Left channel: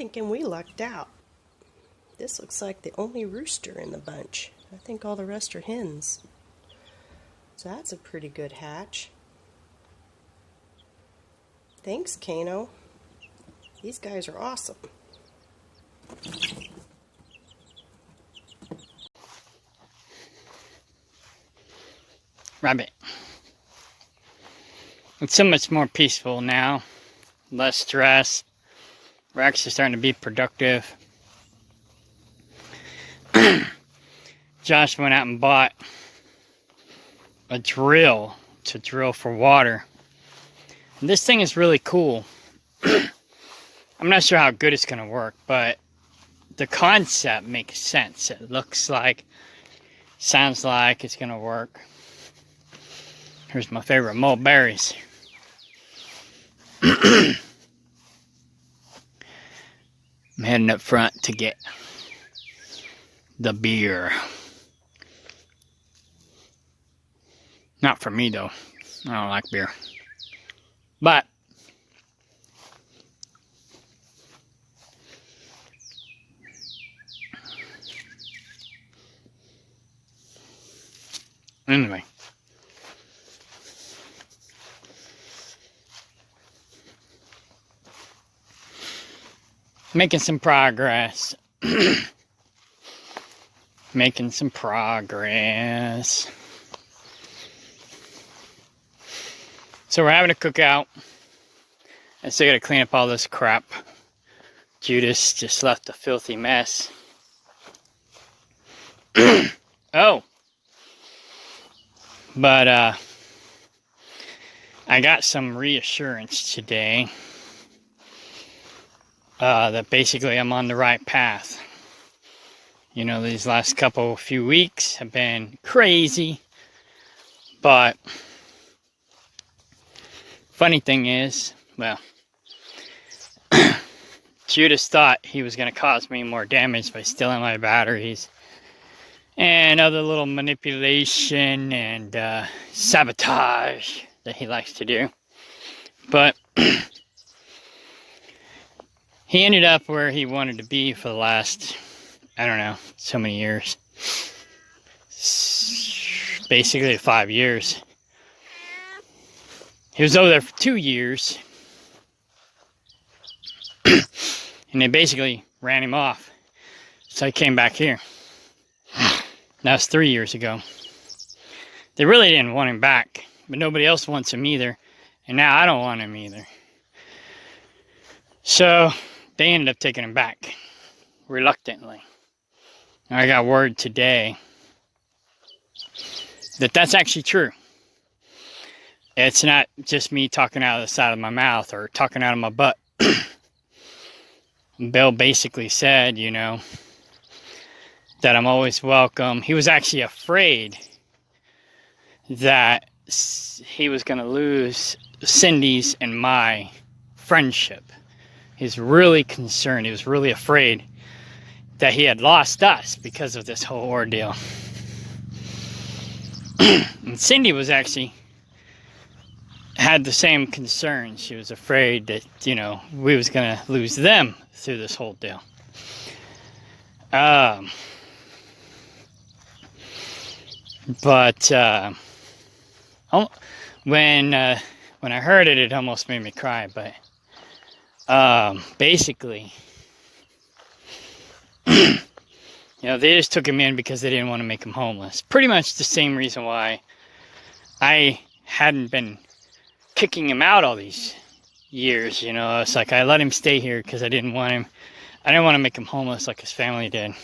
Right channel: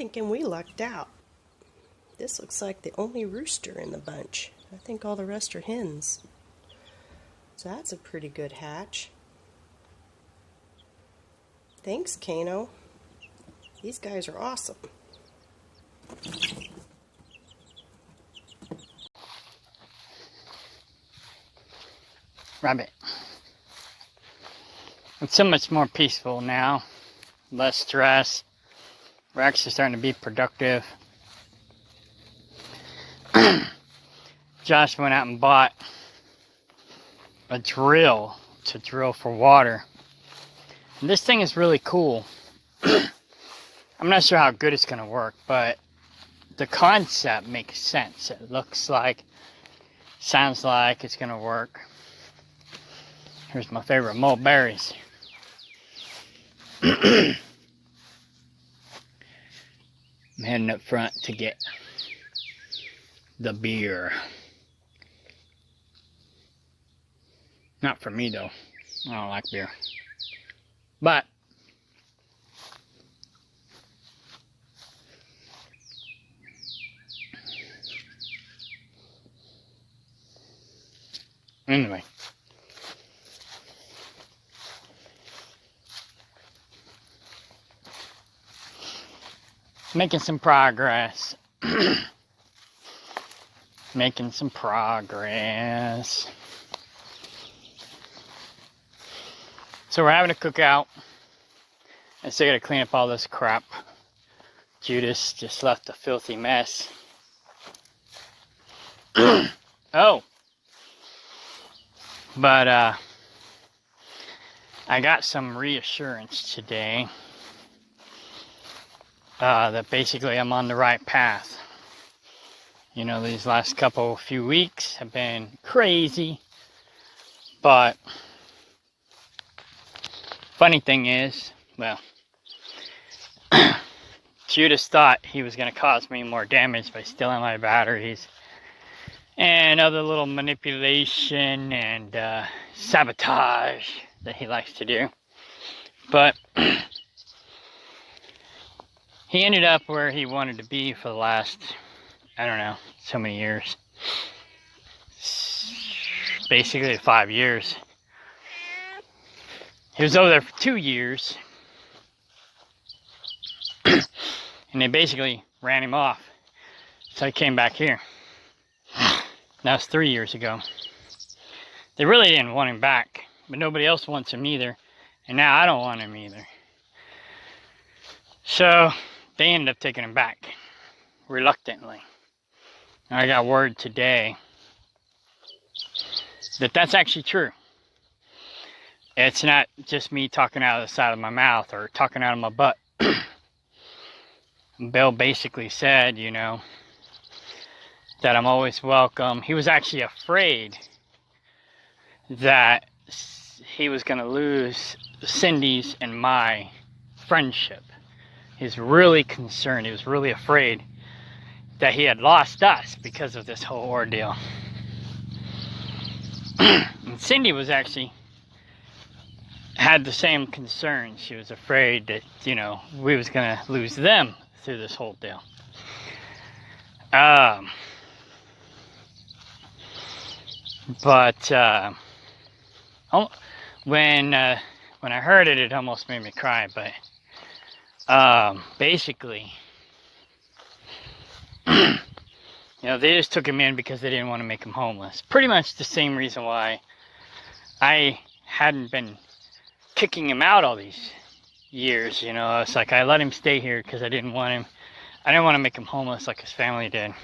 thinking we lucked out. This looks like the only rooster in the bunch. I think all the rest are hens. So that's a pretty good hatch. Thanks, Kano. These guys are awesome. Rabbit. It's so much more peaceful now. Less stress. We're actually starting to be productive. Josh went out and bought a drill to drill for water. And this thing is really cool. I'm not sure how good it's going to work, but the concept makes sense. It looks like, sounds like it's going to work. Here's my favorite mulberries. I'm heading up front to get the beer. Not for me though. I don't like beer. But anyway. Making some progress. Making some progress. So we're having a cookout. I still gotta clean up all this crap. Judas just left a filthy mess. Oh. But I got some reassurance today. That basically I'm on the right path. You know, these last few weeks have been crazy. But funny thing is, well, Judas thought he was going to cause me more damage by stealing my batteries and other little manipulation and sabotage that he likes to do. But he ended up where he wanted to be for the last, I don't know, so many years. Basically 5 years. He was over there for 2 years. And they basically ran him off. So I came back here. That was 3 years ago. They really didn't want him back. But nobody else wants him either. And now I don't want him either. So they ended up taking him back. Reluctantly. I got word today that that's actually true. It's not just me talking out of the side of my mouth or talking out of my butt. Bill basically said, you know, that I'm always welcome. He was actually afraid that he was going to lose Cindy's and my friendship. He's really concerned. He was really afraid that he had lost us because of this whole ordeal. And Cindy was actually had the same concern. She was afraid that, you know, we was going to lose them through this whole deal. When I heard it, it almost made me cry. But basically, you know, they just took him in because they didn't want to make him homeless. Pretty much the same reason why I hadn't been kicking him out all these years. You know, it's like I let him stay here because I didn't want to make him homeless like his family did.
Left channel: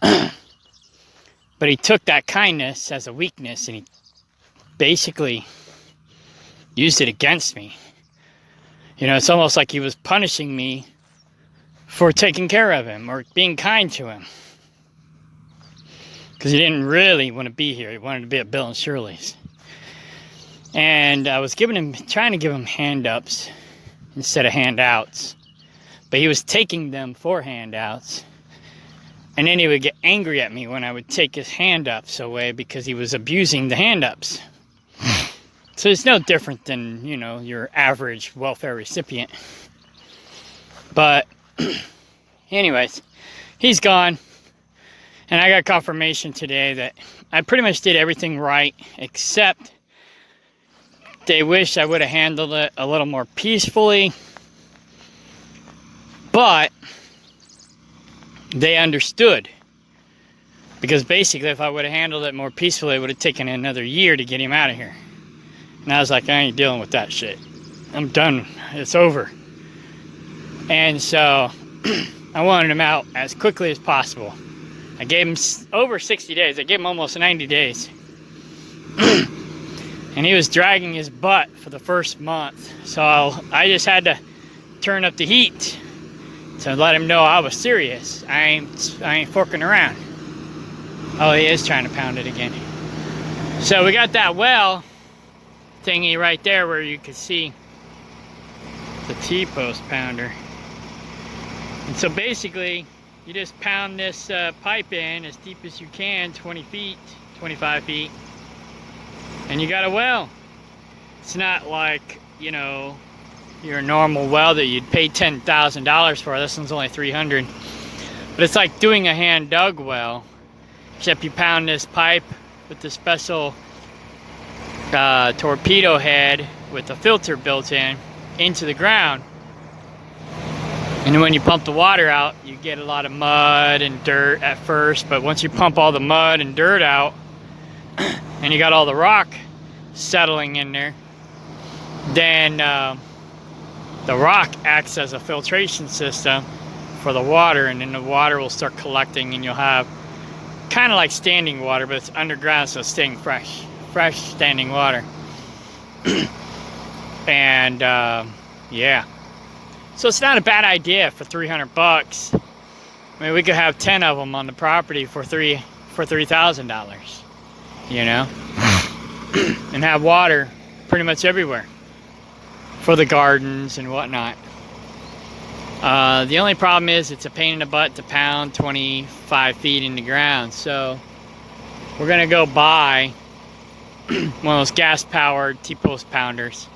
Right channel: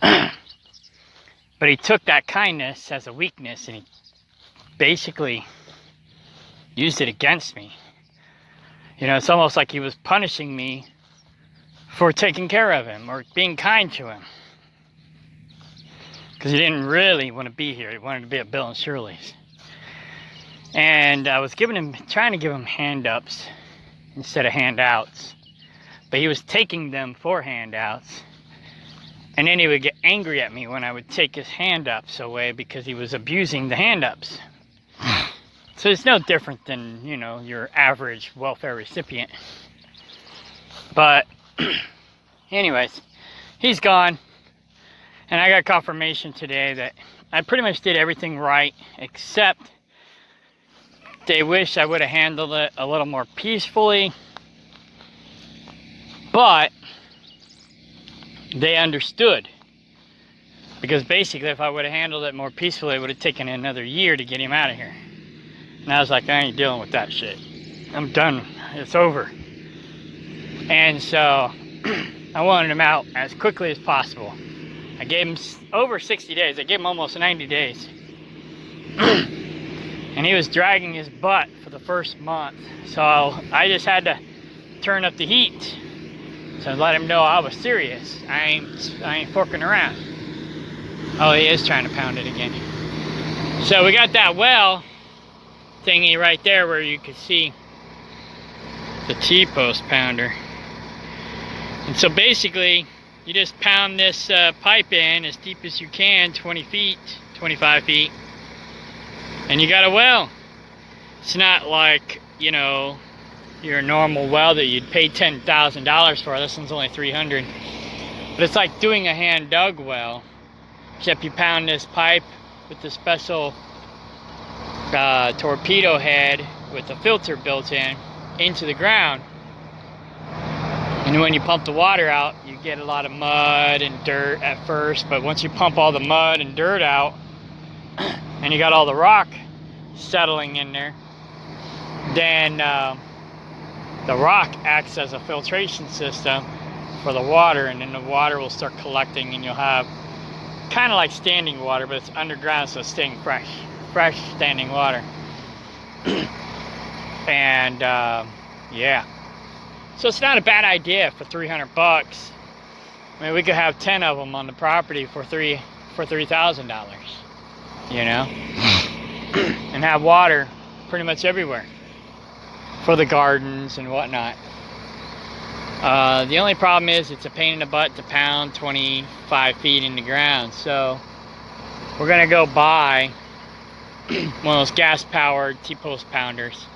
But he took that kindness as a weakness and he basically used it against me. You know, it's almost like he was punishing me for taking care of him or being kind to him. Because he didn't really want to be here. He wanted to be at Bill and Shirley's. And I was trying to give him hand-ups instead of handouts. But he was taking them for handouts. And then he would get angry at me when I would take his hand-ups away because he was abusing the hand-ups. So it's no different than, you know, your average welfare recipient. But anyways, he's gone. And I got confirmation today that I pretty much did everything right, except they wish I would have handled it a little more peacefully. But they understood. Because basically, if I would have handled it more peacefully, it would have taken another year to get him out of here. And I was like, I ain't dealing with that shit. I'm done. It's over. And so I wanted him out as quickly as possible. I gave him over 60 days. I gave him almost 90 days. And he was dragging his butt for the first month. So I just had to turn up the heat to let him know I was serious. I ain't forking around. Oh, he is trying to pound it again. So we got that well thingy right there where you can see the T-post pounder. And so basically, you just pound this pipe in as deep as you can, 20 feet, 25 feet, and you got a well. It's not like, you know, your normal well that you'd pay $10,000 for. This one's only $300. But it's like doing a hand dug well, except you pound this pipe with the special torpedo head with a filter built in into the ground. And when you pump the water out, you get a lot of mud and dirt at first, but once you pump all the mud and dirt out, and you got all the rock settling in there, then the rock acts as a filtration system for the water, and then the water will start collecting, and you'll have kind of like standing water, but it's underground, so it's staying fresh standing water. And yeah. So it's not a bad idea for $300. I mean, we could have 10 of them on the property for $3,000, you know, and have water pretty much everywhere for the gardens and whatnot. The only problem is it's a pain in the butt to pound 25 feet in the ground. So we're gonna go buy one of those gas-powered T-post pounders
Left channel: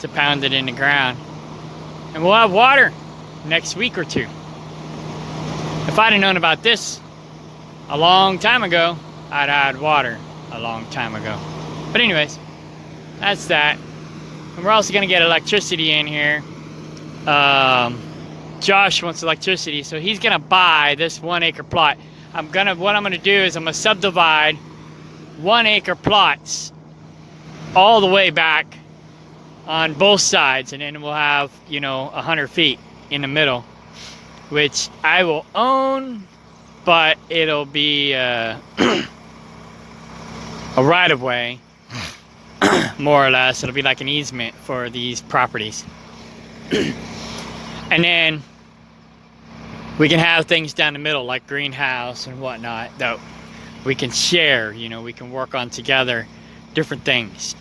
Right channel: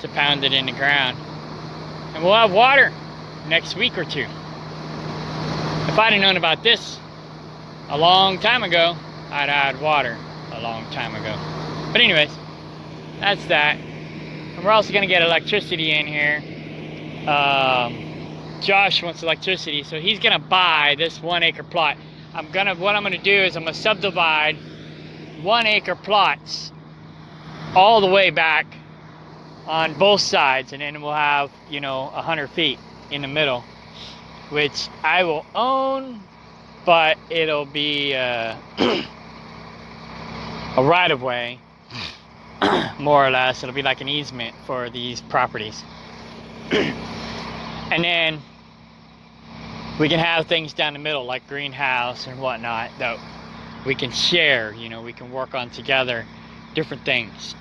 to pound it in the ground. And we'll have water next week or two. If I'd have known about this a long time ago, I'd had water a long time ago. But anyways, that's that. And we're also gonna get electricity in here. Josh wants electricity, so he's gonna buy this 1 acre plot. What I'm gonna do is I'm gonna subdivide 1 acre plots all the way back on both sides, and then we'll have, you know, 100 feet in the middle, which I will own, but it'll be a right of way, more or less. It'll be like an easement for these properties. And then we can have things down the middle like greenhouse and whatnot that we can share, you know, we can work on together different things.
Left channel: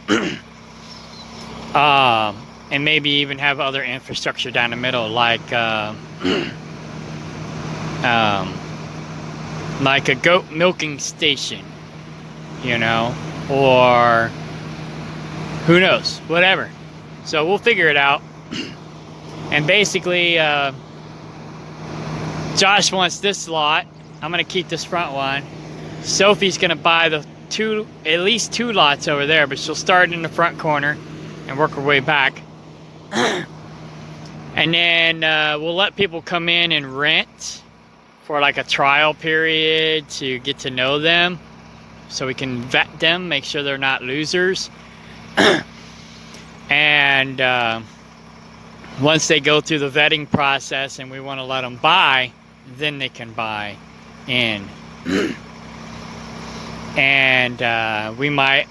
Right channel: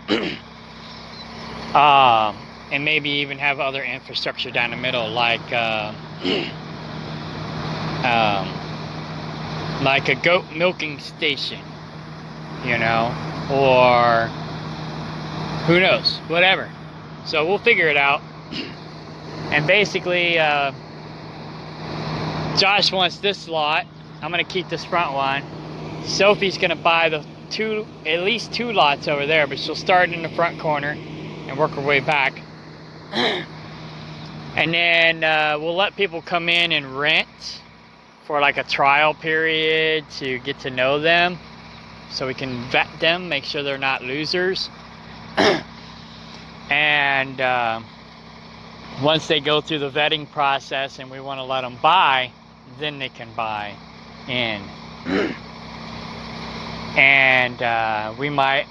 And maybe even have other infrastructure down the middle, like a goat milking station, you know, or who knows, whatever. So we'll figure it out. And basically, Josh wants this lot. I'm gonna keep this front one. Sophie's gonna buy at least two lots over there, but she'll start in the front corner and work her way back. And then we'll let people come in and rent for like a trial period to get to know them, so we can vet them, make sure they're not losers. And once they go through the vetting process and we want to let them buy, then they can buy in. And we may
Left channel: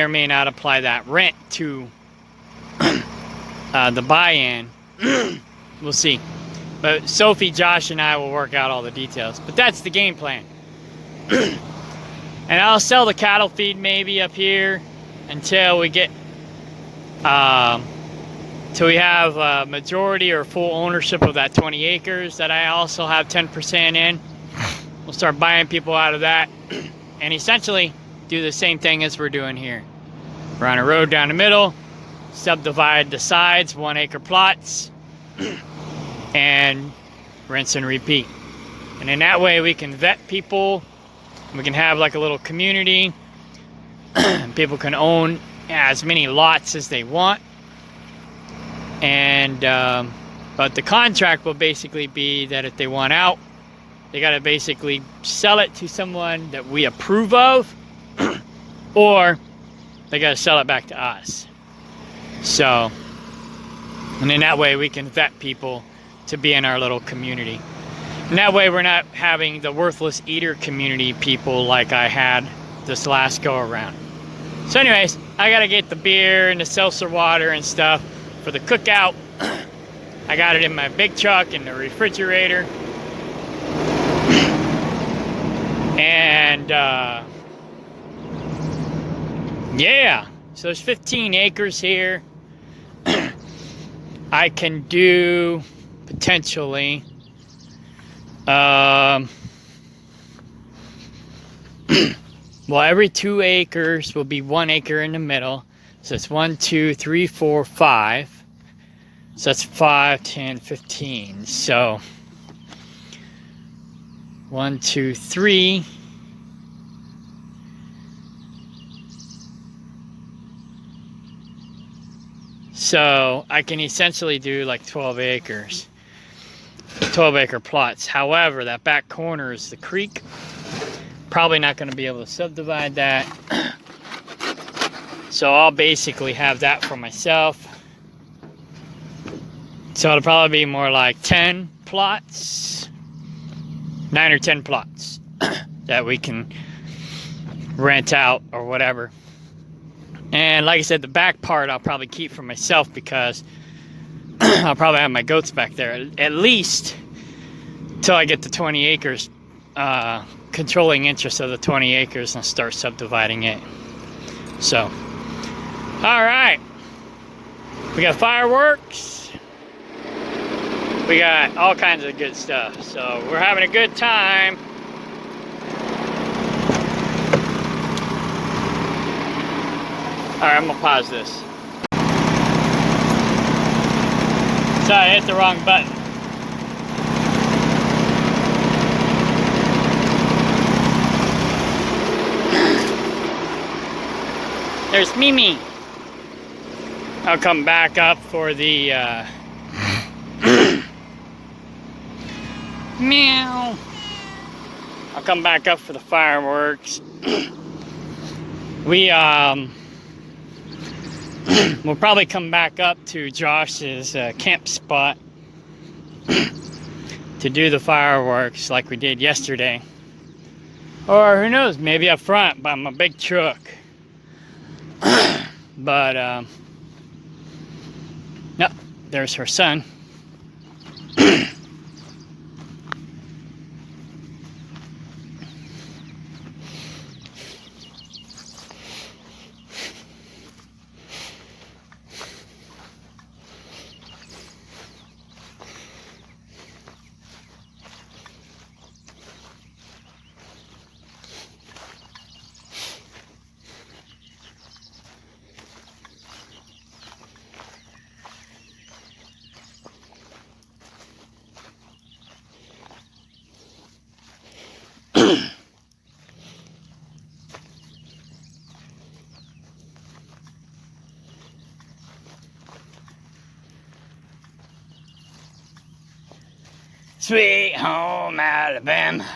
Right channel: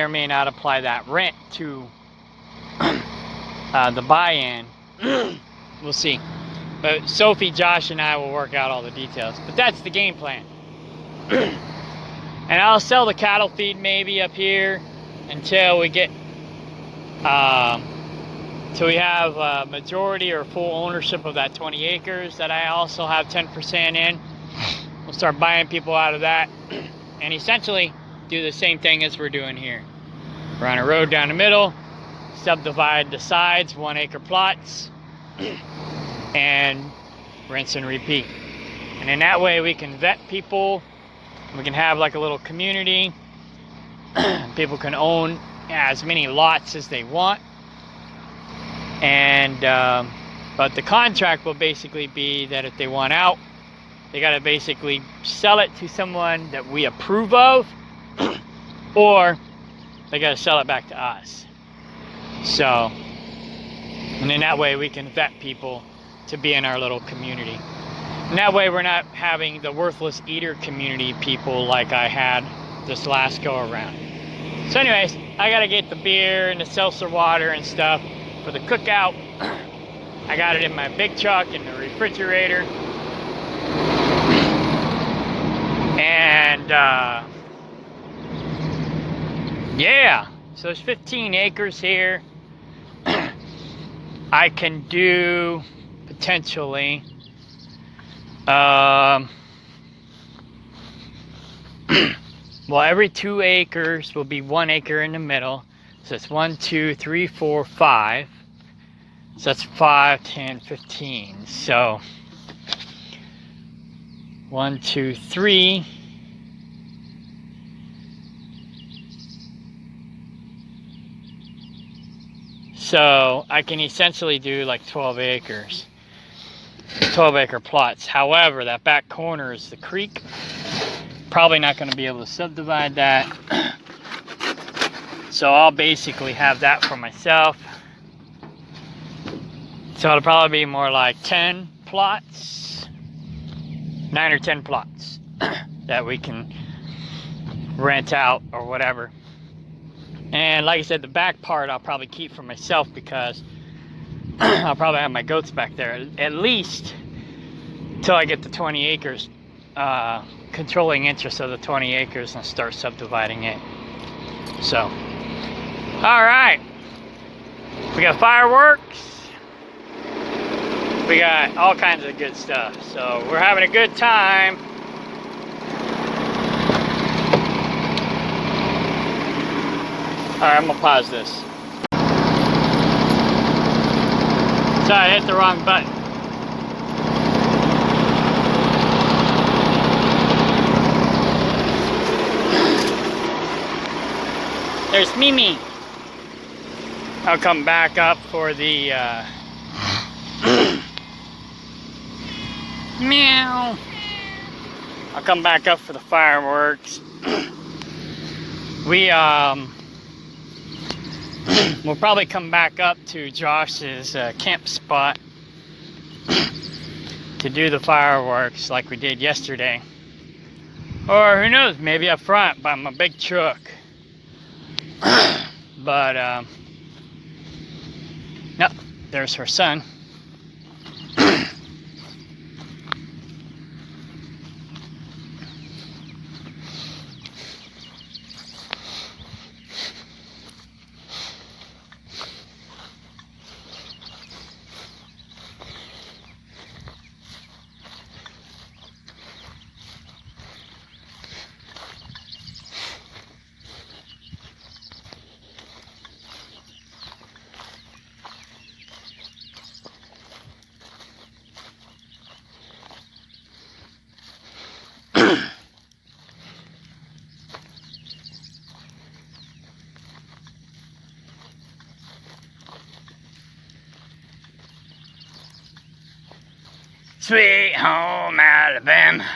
or may not apply that rent to the buy-in. We'll see. But Sophie, Josh, and I will work out all the details. But that's the game plan. And I'll sell the cattle feed maybe up here until we get till we have majority or full ownership of that 20 acres that I also have 10% in. We'll start buying people out of that and essentially do the same thing as we're doing here. Run a road down the middle, subdivide the sides, 1 acre plots, and rinse and repeat. And in that way we can vet people. We can have like a little community. People can own as many lots as they want. And but the contract will basically be that if they want out, they got to basically sell it to someone that we approve of, or they got to sell it back to us. So, and in that way we can vet people to be in our little community. And that way we're not having the worthless eater community people like I had this last go around. So anyways, I gotta get the beer and the seltzer water and stuff for the cookout. I got it in my big truck in the refrigerator. And yeah, so there's 15 acres here. I can do potentially well, every 2 acres will be 1 acre in the middle. So it's 1, 2, 3, 4, 5. So that's 5, 10, 15. So 1, 2, 3. So I can essentially do like 12 acres. 12 acre plots. However, that back corner is the creek. Probably not going to be able to subdivide that. So I'll basically have that for myself. So it'll probably be more like 10 plots. 9 or 10 plots that we can rent out or whatever. And like I said, the back part I'll probably keep for myself because I'll probably have my goats back there at least till I get to 20 acres, controlling interest of the 20 acres and start subdividing it. So, all right, we got fireworks, we got all kinds of good stuff. So we're having a good time. All right, I'm gonna pause this. Sorry, I hit the wrong button. There's Mimi. I'll come back up for the meow. I'll come back up for the fireworks. We'll probably come back up to Josh's camp spot to do the fireworks like we did yesterday. Or who knows, maybe up front by my big truck. But, no, there's her son. Sweet home Alabama.